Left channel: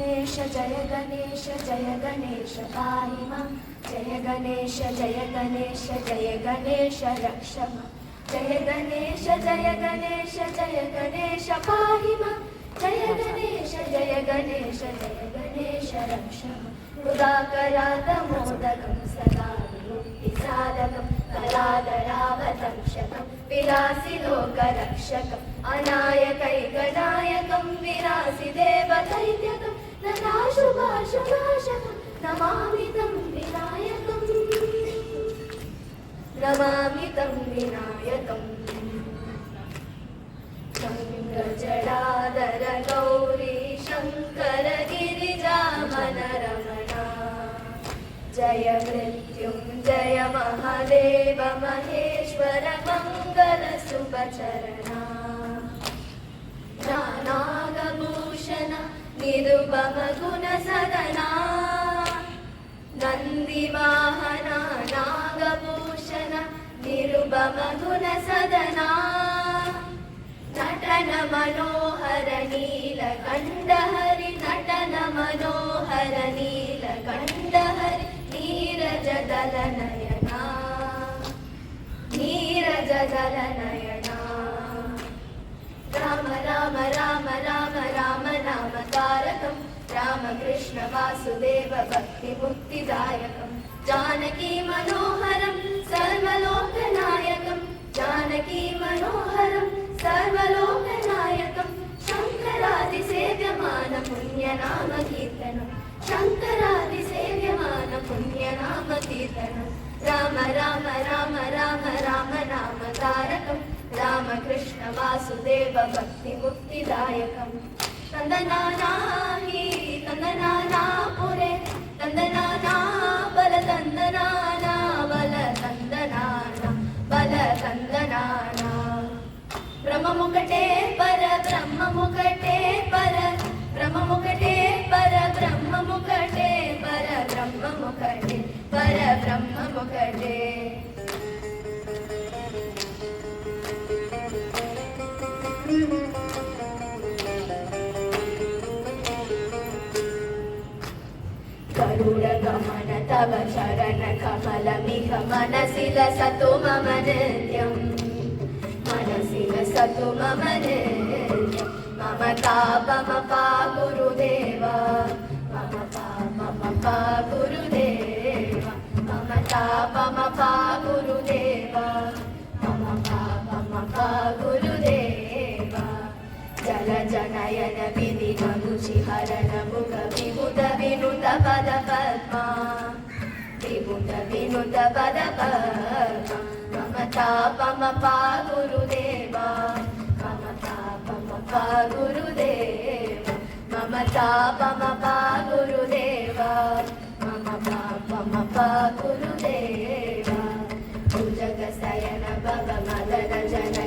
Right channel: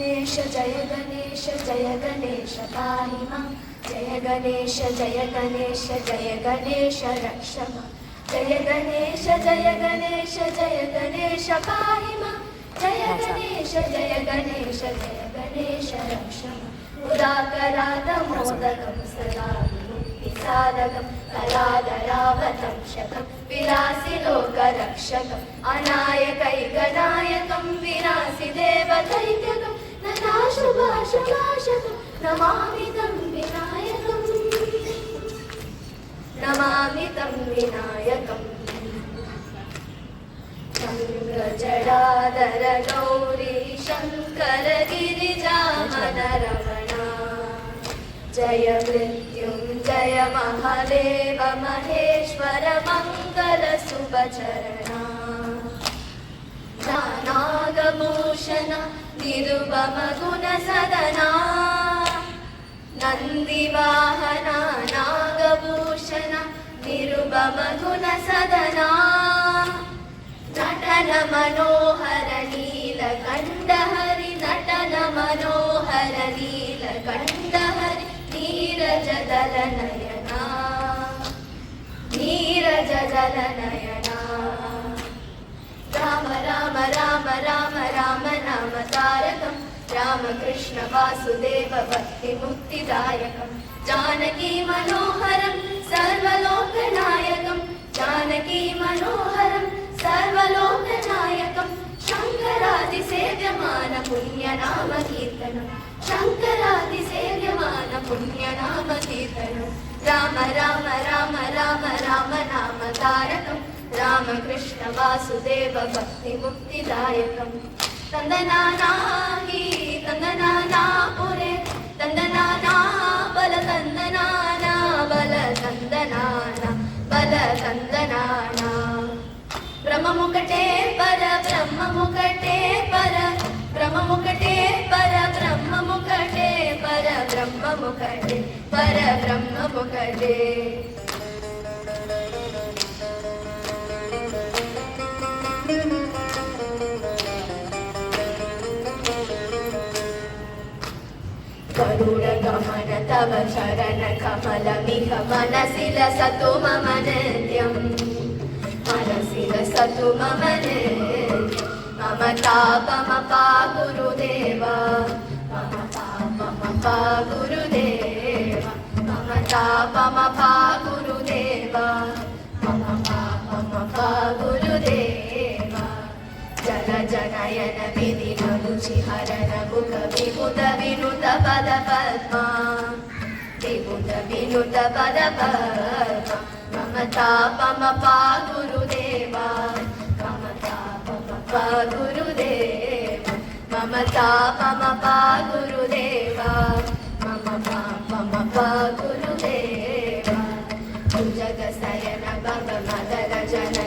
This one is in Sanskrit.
जय गणेश पाहि मां जय गणेश रक्ष मां जय गणेश पाहि मां जय गणेश रक्ष मां उदाकरादमोदकं सदा विमुक्तिसाधकं कलाधरावतंशकं विलासि लोकरक्षकम् अनायकैकनायकं विनाशि देवदैत्यकं नताशुभाशुभाषकं नमामि तं विनायकम् शङ्खजडाधर गौरी शङ्कर गिरिजामनरमणा जय मृत्युञ्जय महादेव महेश्वर मङ्गल शुभचरणा नागभूषण निरुपम गुणसदना नन्दिवाहना नागभूषण निरुपम गुणसदना नटन मनोहर नीलकण्ठहरि नटन मनोहर नीलकण्ठहरि नीरजदलनयना राम राम राम राम राम नाम तारकं रामकृष्ण वासुदेव भक्तिमुक्तिदायकं जानकी मनोहरं सर्वलोकनायकं जानकी मनोहरं सर्वलोकनायकं शङ्करादिसेव्यमान पुण्यनाम कीर्तनं शङ्करादिसेव्यमान पुण्यनाम कीर्तनं राम राम राम राम राम नाम तारकं रामकृष्ण वासुदेव भक्तिमुक्तिदायकं तन्दनाना हि तन्दनाना पुरे तन्दनाना बल तन्दनाना बल तन्दनाना बल तन्दनाना ब्रह्ममुकटे पर ब्रह्ममुकटे पर ब्रह्ममुकटे पर ब्रह्ममुकटे पर ब्रह्ममुकटे पर ब्रह्ममुकटे गरुडगमन तव चरण कमलमिह मनसि लसतु मम नित्यम् मनसि लसतु मम नित्यम् मम तापमपा गुरुदेव मम पापमपा गुरुदेव मम तापमपा गुरुदेव मम पापमपा गुरुदेव जल जनयन विधि मनुचिहरण मुख विभुत विनुत पद पद्मा विभुत विनुत पद पद्मा मम तापमपा गुरुदेव मम तापमपा गुरुदेव मम तापमपा गुरुदेव मम पापमपा गुरुदेव भुजगशयन भव मदन जन